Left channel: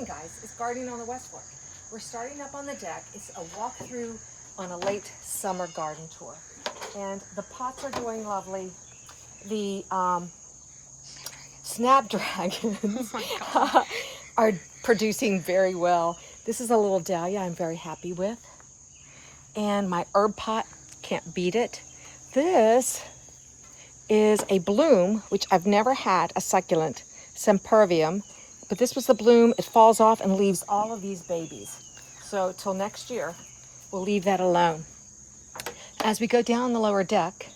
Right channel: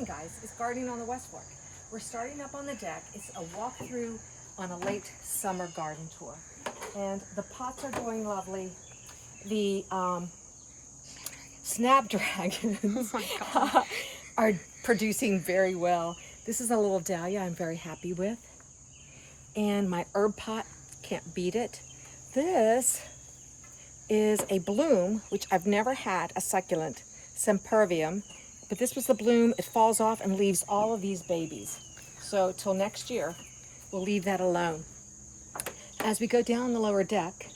morning, guys. It's gardening on the West Fork. We're starting up on the deck. It's a walkthrough on a late summer garden tour. And the pots are doing lovely. The snapdragons are producing very well. This is a little dahlia I'm very happy with. And my herb pot, can't beat it. This is a bloom, which I've never had, a succulent, Sempervium. But this was the bloom. It falls off and leaves all of these babies. So till next year, we'll leave that alone. As we go down the lower deck,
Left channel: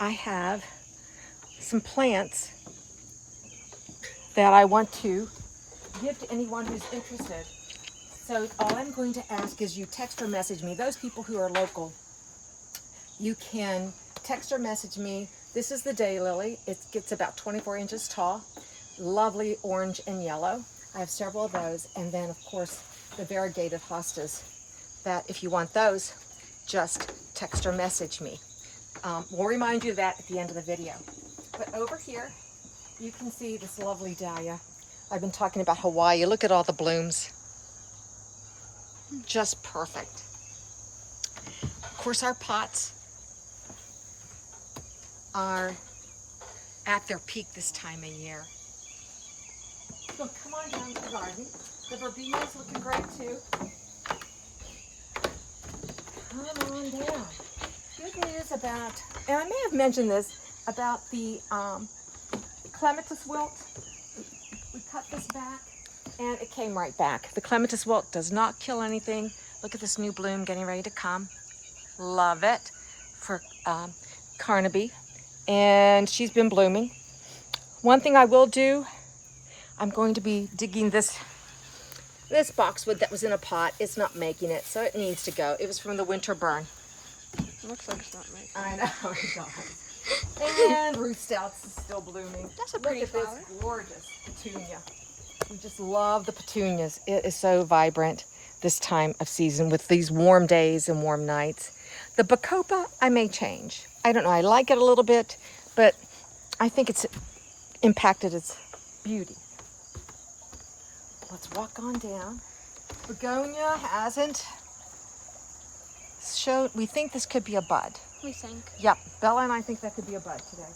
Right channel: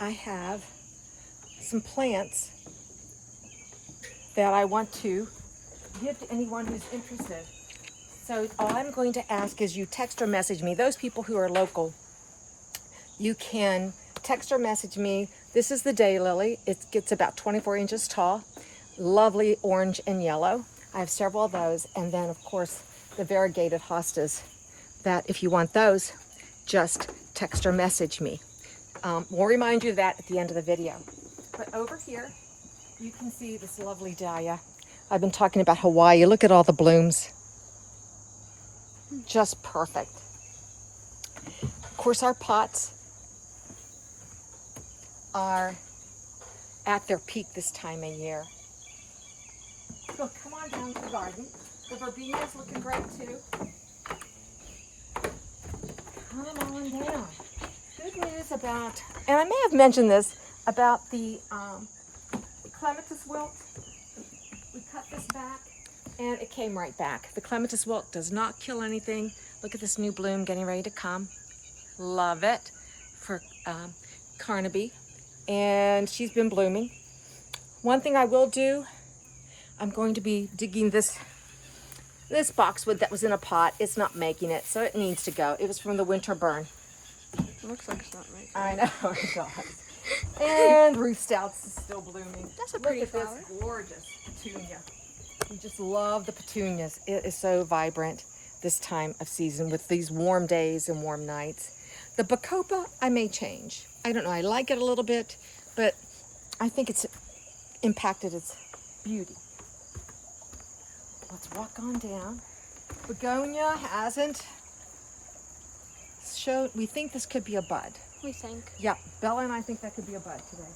I have some plants that I want to give to anyone who's interested. So all I'm going to ask is you text or message me. Those people who are local, you can text or message me. This is the Daylily. It gets about 24 inches tall. Lovely orange and yellow. I have several of those. And then, of course, the variegated hostas that if you want those, just text or message me. We'll remind you of that at the end of the video. But over here, you can see this lovely dahlia. I've been talking about Hawaii. Look at all the blooms. Just perfect. Of course, our pots are at their peak this time of year. So come on down to the garden. The verbenia's looking great too. Come on down. Good news about, and I may have mentioned this, about the Clematis wilt. We cut this back and it came right back. The Clematis wilt does not kill anything. Look at this new bloom getting ready to come. Love it for Carnaby. And she's been blooming. One thing I will do, I'm going to be digging this boxwood that was in a pot. It's not making it, so it needs to go. It was from the winter burn. It looks like it's not making it. I know, it does. And Ruth Stouts is still blooming. That's a pretty flower. Look at this gorgeous petunia. We just love the petunias. It is so vibrant this time of season with these warm days and warm nights. The bacopa, I may change. I don't know, I like it a little bit, but I think it's impacted its beauty. Let's walk on down. Begonia hasn't showed, we think this could be a bud. We think. Yep, Bella and I think that could be a bud today.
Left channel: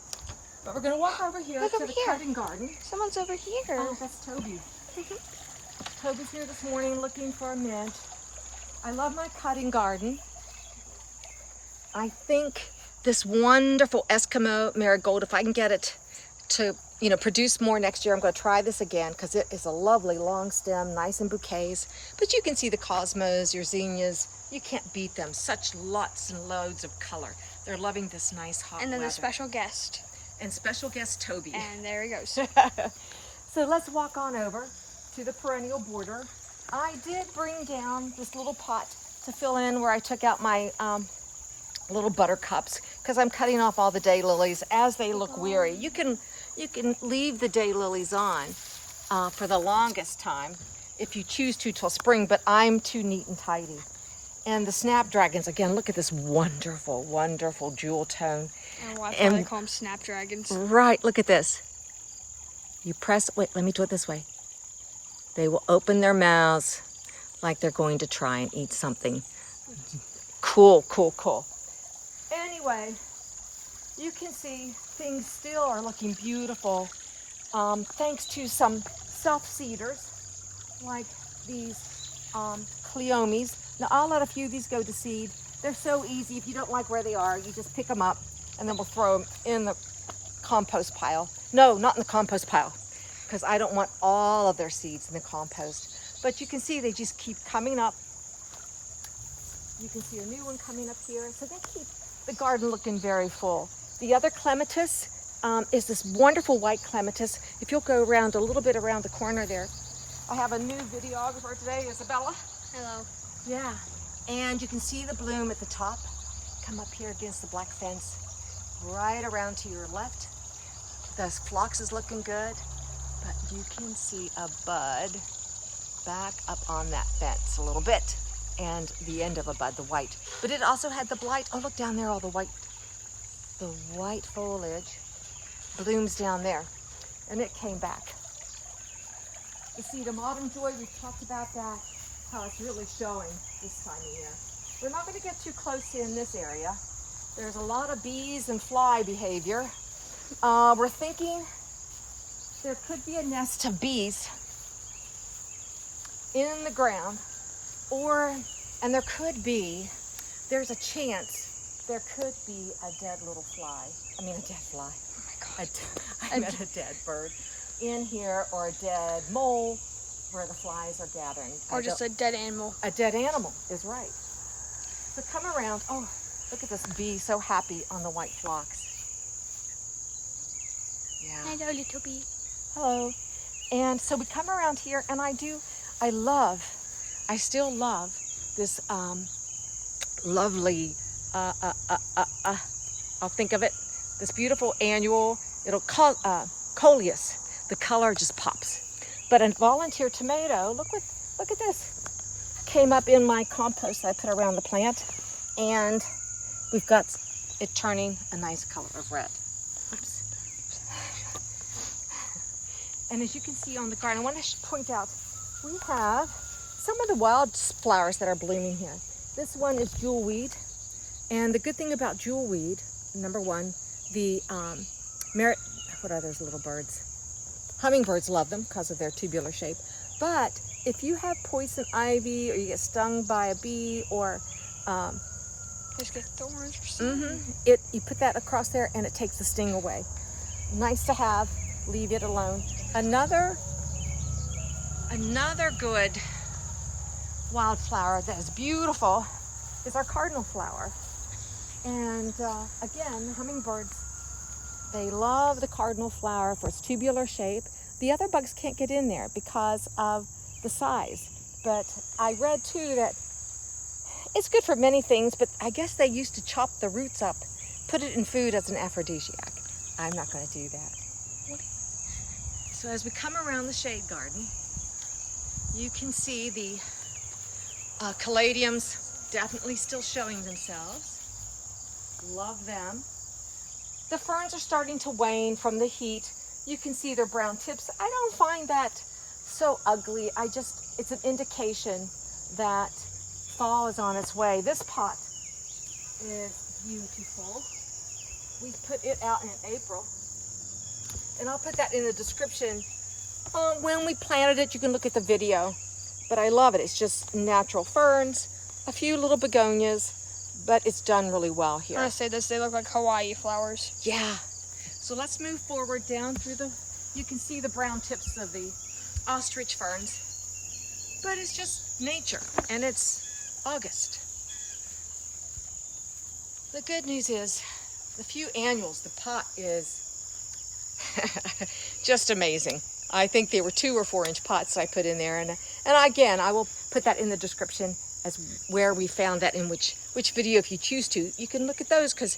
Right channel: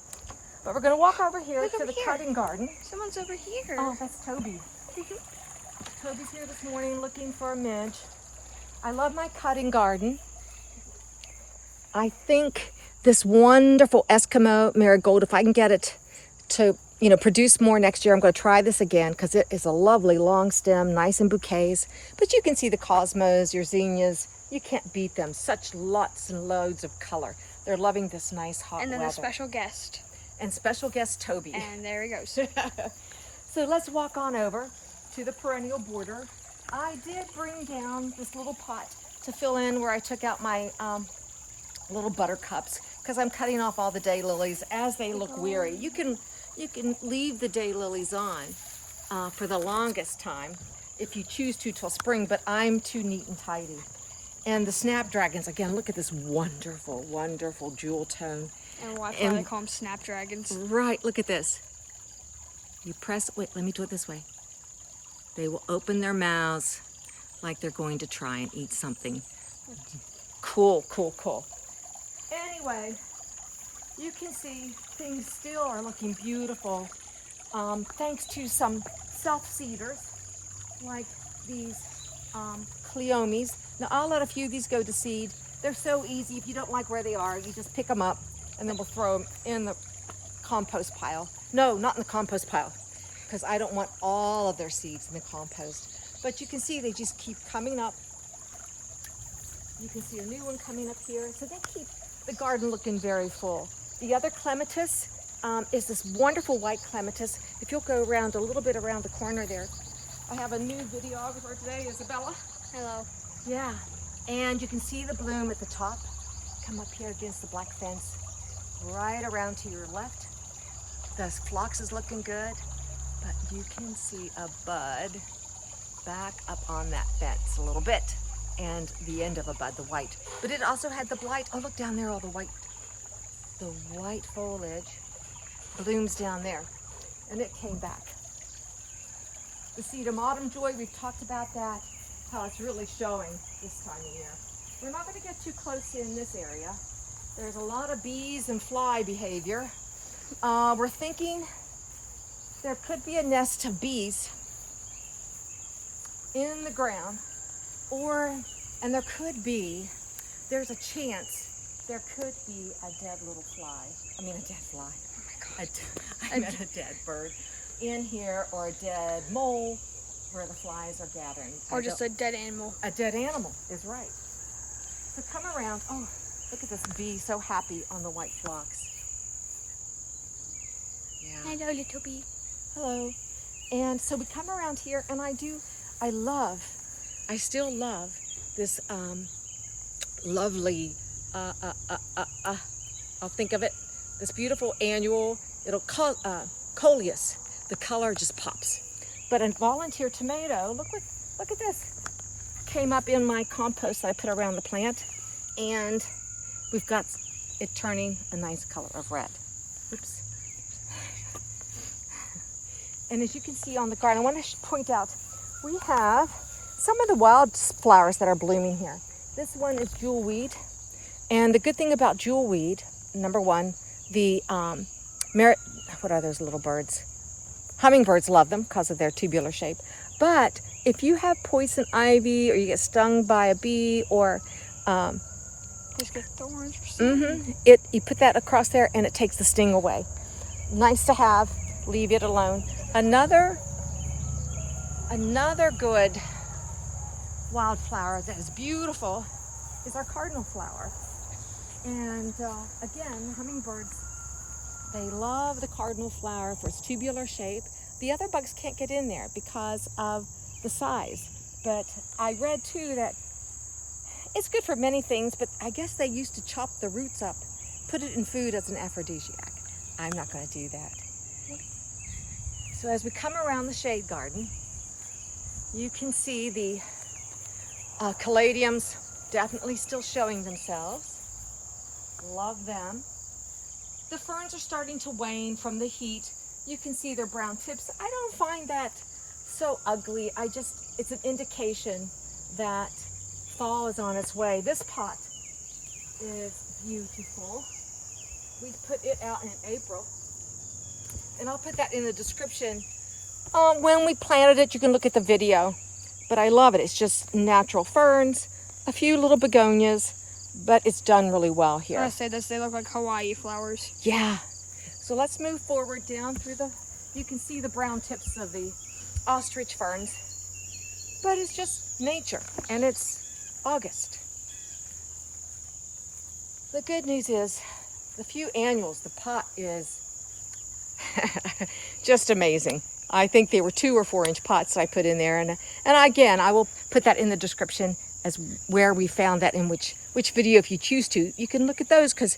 But we're gonna walk over here to the cutting garden. Someone's over here. Oh, that's Toby. Toby's here this morning looking for a midge. I love my cutting garden. I think this wonderful Eskimo marigold, if I can get it to, produce more next year, I'm going to try this again because it is a lovely long stem, nice in bouquets. But you can see the cosmos, your zinnias, you can't beat them. Such lots and loads of color. They're loving this nice hot And then weather. the special guest. And special guest Toby. And there he goes. So let's walk on over to the perennial border. I did bring down this little pot to fill in where I took out my little buttercups because I'm cutting off all the daylilies as they look weary. You can leave the daylilies on for the longest time if you choose to till spring, but I'm too neat and tidy. And the snapdragons, again, look at this wonderful, wonderful jewel tone. And watch why they call them snapdragons. Right, look at this. You press, wait, let me do it this way. They will open their mouths like they're going to try and eat something. Cool, cool, cool. Anyway, you can see things still are looking beautiful thanks to some self-seeders like these Cleomes. Now I'll let a few of these go to seed. They're so easy. If you don't like where they are, you just pick them up and then we'll throw them in the compost pile. No, not in the compost pile because I don't want all of their seeds in the compost. But you can see they just keep coming up. You can see a new one coming up here. So they keep the garden looking very full. The other Clematis is this wonderful white Clematis. If you'll go around a little bit around the corner there. I have a new videographer today, Isabella. Hello. Yeah, and you can see the bloom at the top. Come up here against the black fence, right around to your left. The phlox is looking good, but you can see a bud back up on that fence a little bit. And the end of a bud, the white. But it also had the blight. Oh, look down there, all the white foliage blooms down there. And it came back. The sedum autumn joy, we've talked about that, how it's really showing this time of year. We're not going to get too close in this area. There's a lot of bees and fly behavior. We're thinking there could be a nest of bees in the ground, and there's a chance there could be a dead little fly. I mean, a dead fly. Oh my God. I meant a dead bird in here, or a dead mole where the flies are gathering. Or just a dead animal. A dead animal is right. So come around. Oh, look at this bee, so happy on the white phlox. Yeah. Hello, little bee. Hello. And so we come around here, and I still love this lovely, I'll think of it, this beautiful annual, coleus. The color just pops. But a volunteer tomato, look at this, came up in my compost I put around the plant, and we've got it turning a nice color of red. Oops. And as you can see on the garden, I want to point out, we have some of the wild flowers that are blooming here. This one is jewelweed, and the good thing about jewelweed, number one, the what are those little birds? Hummingbirds love them because of their tubular shape. But if you have poison ivy, or you get stung by a bee, or Just get thorns or something. you put that across there, and it takes the sting away. Nice to have. Leave it alone. Another good wildflower that is beautiful is our cardinal flower. And again, hummingbirds, they love the cardinal flower for its tubular shape. The other bugs can't get in there because of the size. But I read too that it's good for many things, but I guess they used to chop the roots up, put it in food as an aphrodisiac. I'm not going to do that. So as we come around the shade garden, you can see the caladiums definitely still showing themselves. Love them. The ferns are starting to wane from the heat. You can see their brown tips. I don't find that so ugly. It's an indication that fall is on its way. This pot is beautiful. We put it out in April. And I'll put that in the description. When we planted it, you can look at the video. But I love it. It's just natural ferns, a few little begonias, but it's done really well here. I want to say this, they look like Hawaii flowers. Yeah. So let's move forward down through you can see the brown tips of the ostrich ferns. But it's just nature, and it's August. The good news is, the few annuals, the pot is just amazing. I think there were 2 or 4 inch pots I put in there, and again, I will put that in the description as where we found that, in which video, if you choose to. You can look at those, because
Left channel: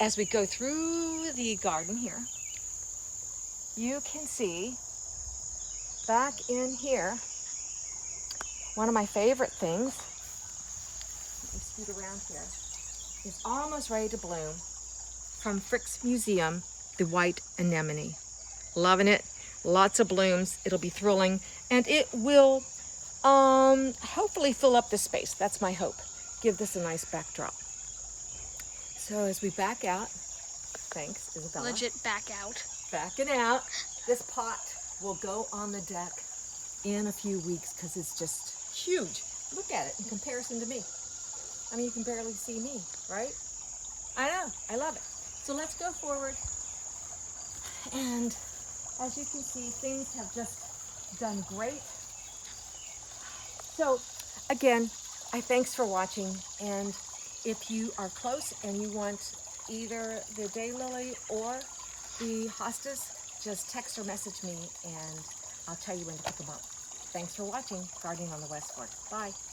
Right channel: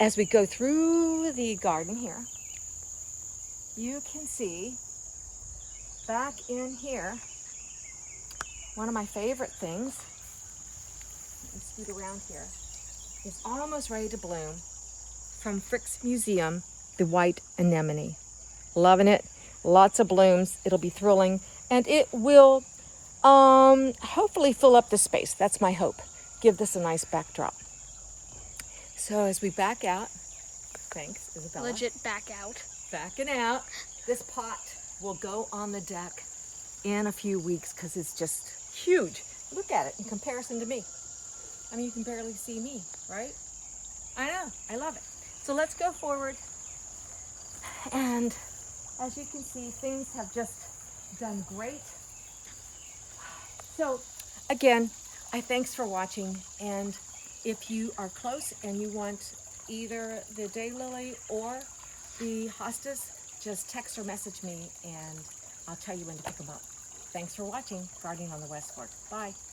as we go through the garden here, you can see back in here one of my favorite things. Let me scoot around here. Is almost ready to bloom, from Frick's Museum, the white anemone. Loving it. Lots of blooms. It'll be thrilling, and it will hopefully fill up the space. That's my hope. Give this a nice backdrop. So as we back out, thanks, Isabella. Legit back out. Backing out. This pot will go on the deck in a few weeks because it's just huge. Look at it in comparison to me. I mean, you can barely see me, right? I know, I love it. So let's go forward. And as you can see, things have just done great. So again, thanks for watching. And if you are close and you want either the Daylily or the hostas, just text or message me, and I'll tell you when to pick them up. Thanks for watching Gardening on the West Fork. Bye.